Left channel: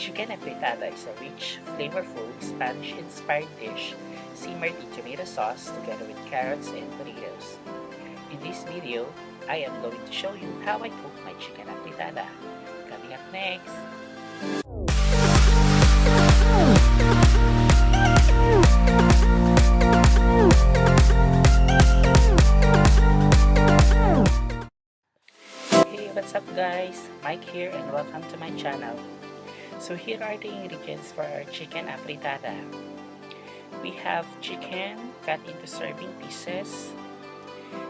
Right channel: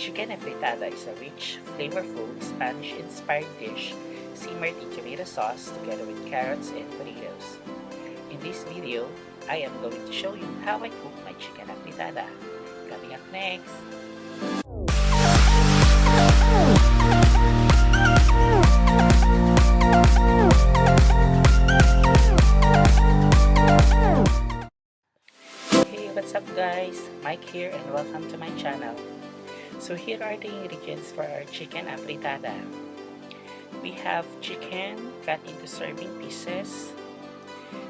Chicken Afritada is a rich, flavorful, Spanish-inspired dish simmered in tomato sauce together with carrots and potatoes. In this video, I am going to show you how I cook my chicken afritada. Coming up next! Hey, what's up guys? Mike here and welcome to my channel. So here are the ingredients for our chicken afritada. We have chicken cut into serving pieces,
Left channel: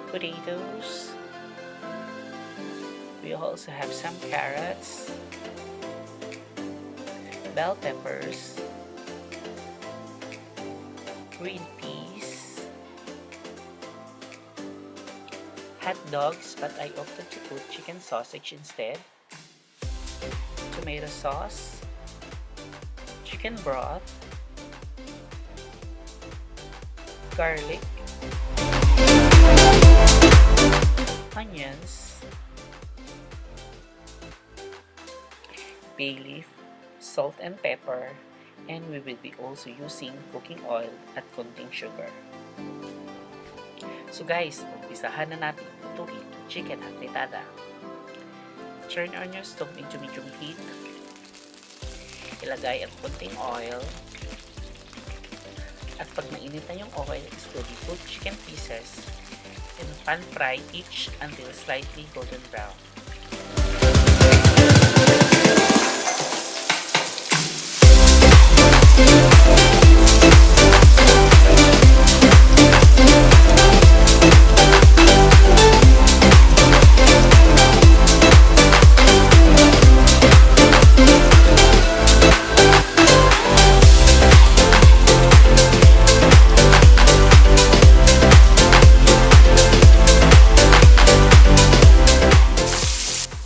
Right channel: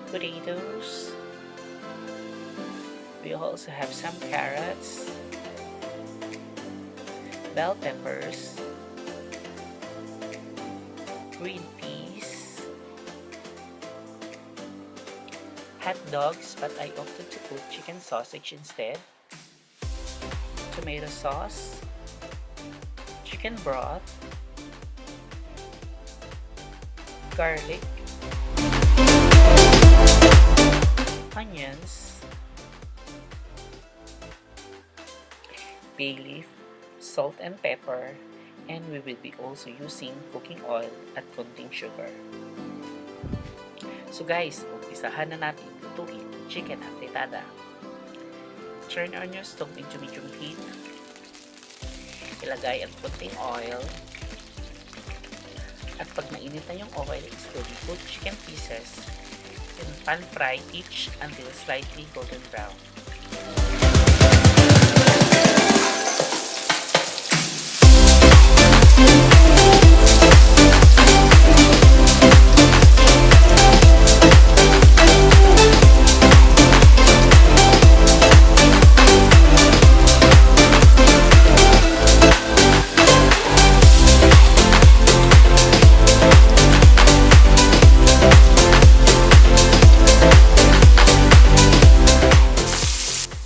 potatoes, we also have some carrots, bell peppers, green peas, hot dogs, but I opted to put chicken sausage instead, tomato sauce, chicken broth, garlic, onions, bay leaf, salt and pepper, and we will be also using cooking oil at konting sugar. So guys, umpisahan na natin lutuin ang chicken afritada. Turn on your stove into medium heat. Ilagay ang konting oil. At pag mainit na yung oil, slowly put chicken pieces and pan fry each until slightly golden brown.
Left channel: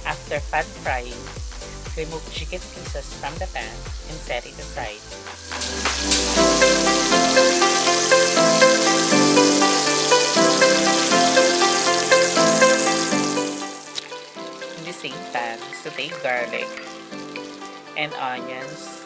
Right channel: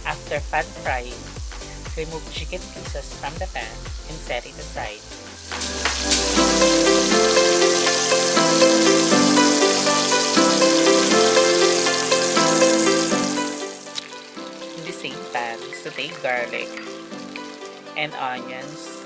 After pan frying, remove chicken pieces from the pan and set it aside. In the same pan, saute garlic and onions.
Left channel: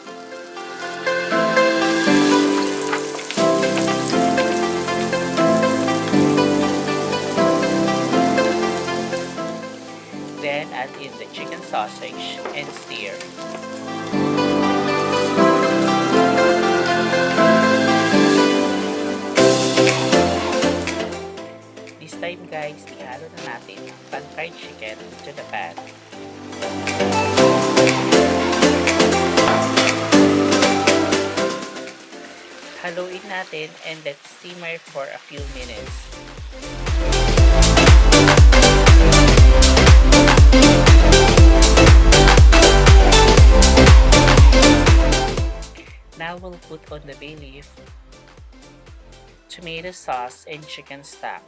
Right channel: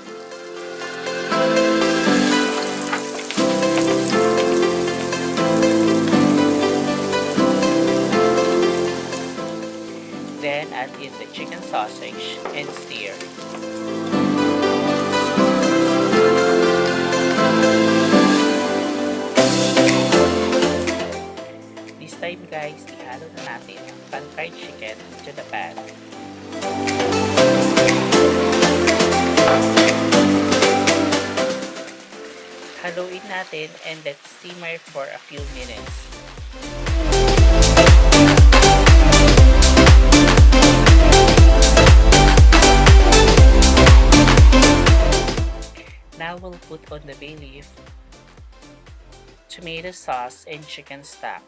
Then add in the chicken sausage and stir. This time guys, ihalo na natin ang pan-fried chicken into the pan. Haluin natin and let's simmer for a few minutes. Now we'll put on the bay leaf, tomato sauce, and chicken stock.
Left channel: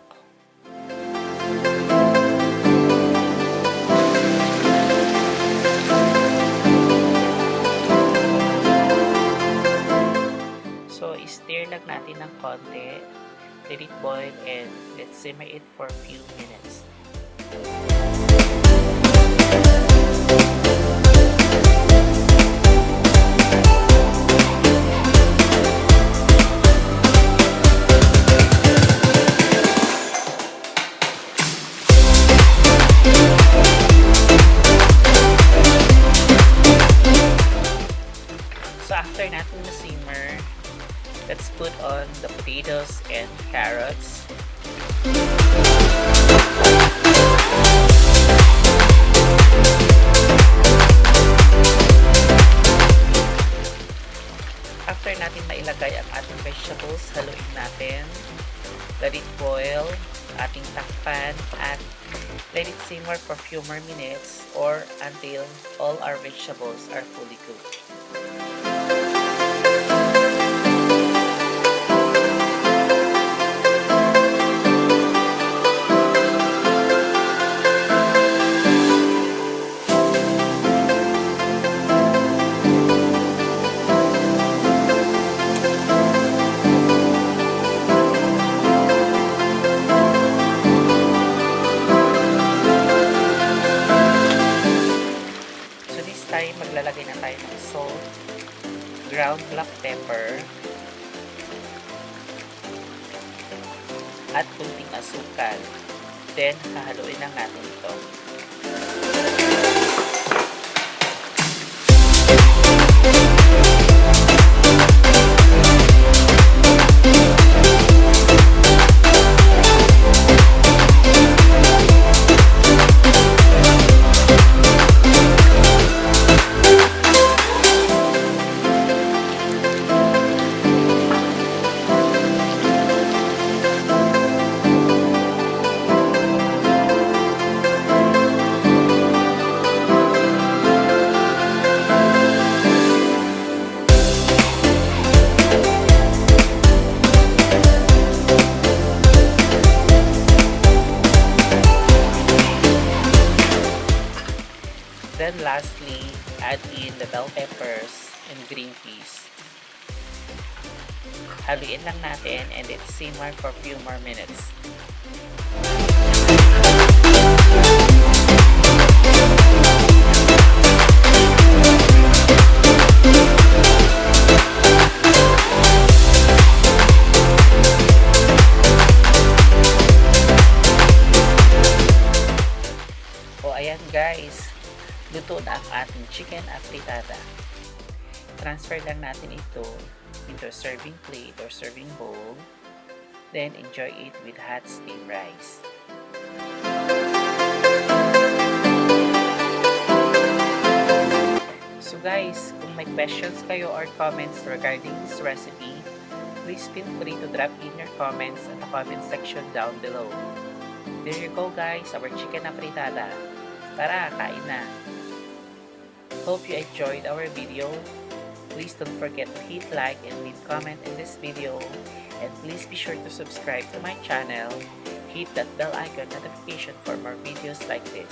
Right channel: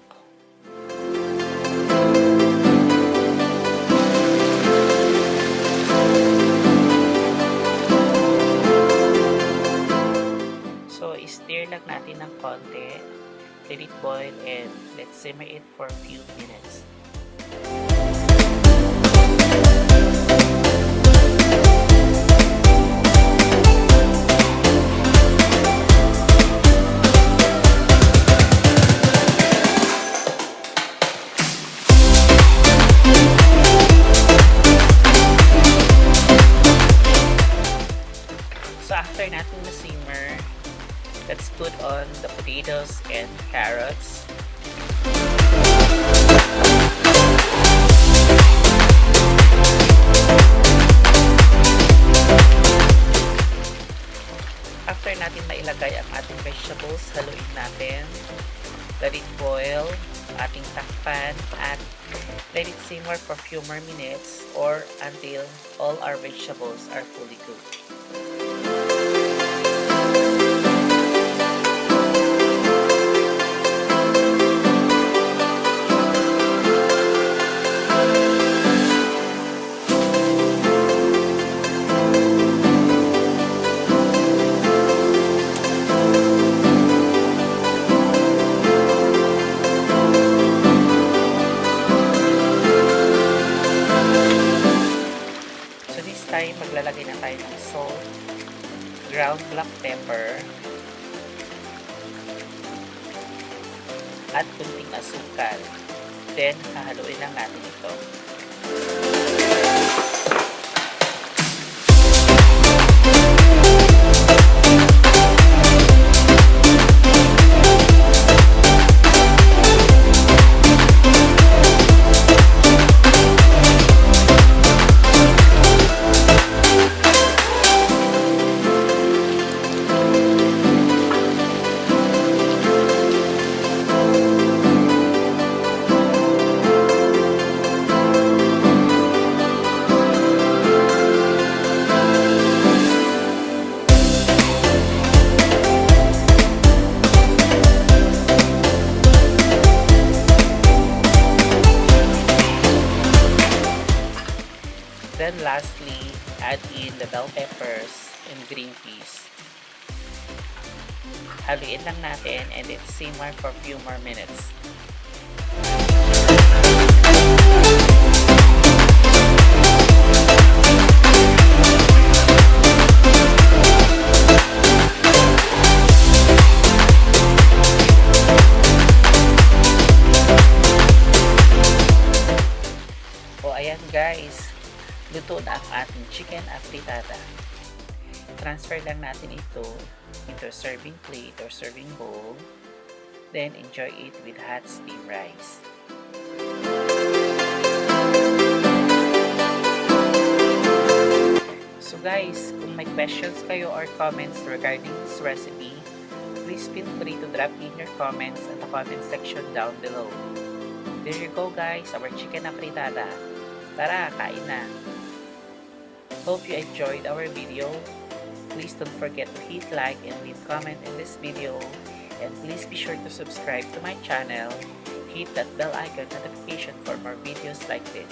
So, stir lang natin ng konti, let it boil, and let's simmer it for a few minutes. So after natin ma-simmer, let's put on the potatoes and carrots. After natin mailagay ang ating vegetables, haluin natin. Let it boil, ating takpan, at let it simmer for a few more minutes or until all our vegetables are fully cooked. So this time, maglalagay Maglalagay na tayo ng salt, ground black pepper, at kunting asukal. Then, hahaluin lang natin ito. Then lastly, add in the bell peppers and green peas. Haluin lang natin and it simmer for a few more minutes. O ayan guys, luto na ang ating chicken afritada. Transfer lang natin ito into a serving plate or serving bowl. Then enjoy it with hot steamed rice. So guys, kung may questions kayo or comments regarding this recipe, please feel free to drop in your comments at the comment section down below. There you go guys, our chicken afritada. Tara, kain na! Hope you enjoyed our video. Please don't forget to hit like and leave comment in this video. And please be sure to subscribe to my channel. Hit that bell icon notification for more videos like this.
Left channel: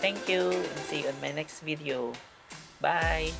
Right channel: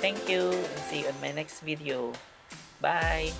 Thank you and see you on my next video. Bye!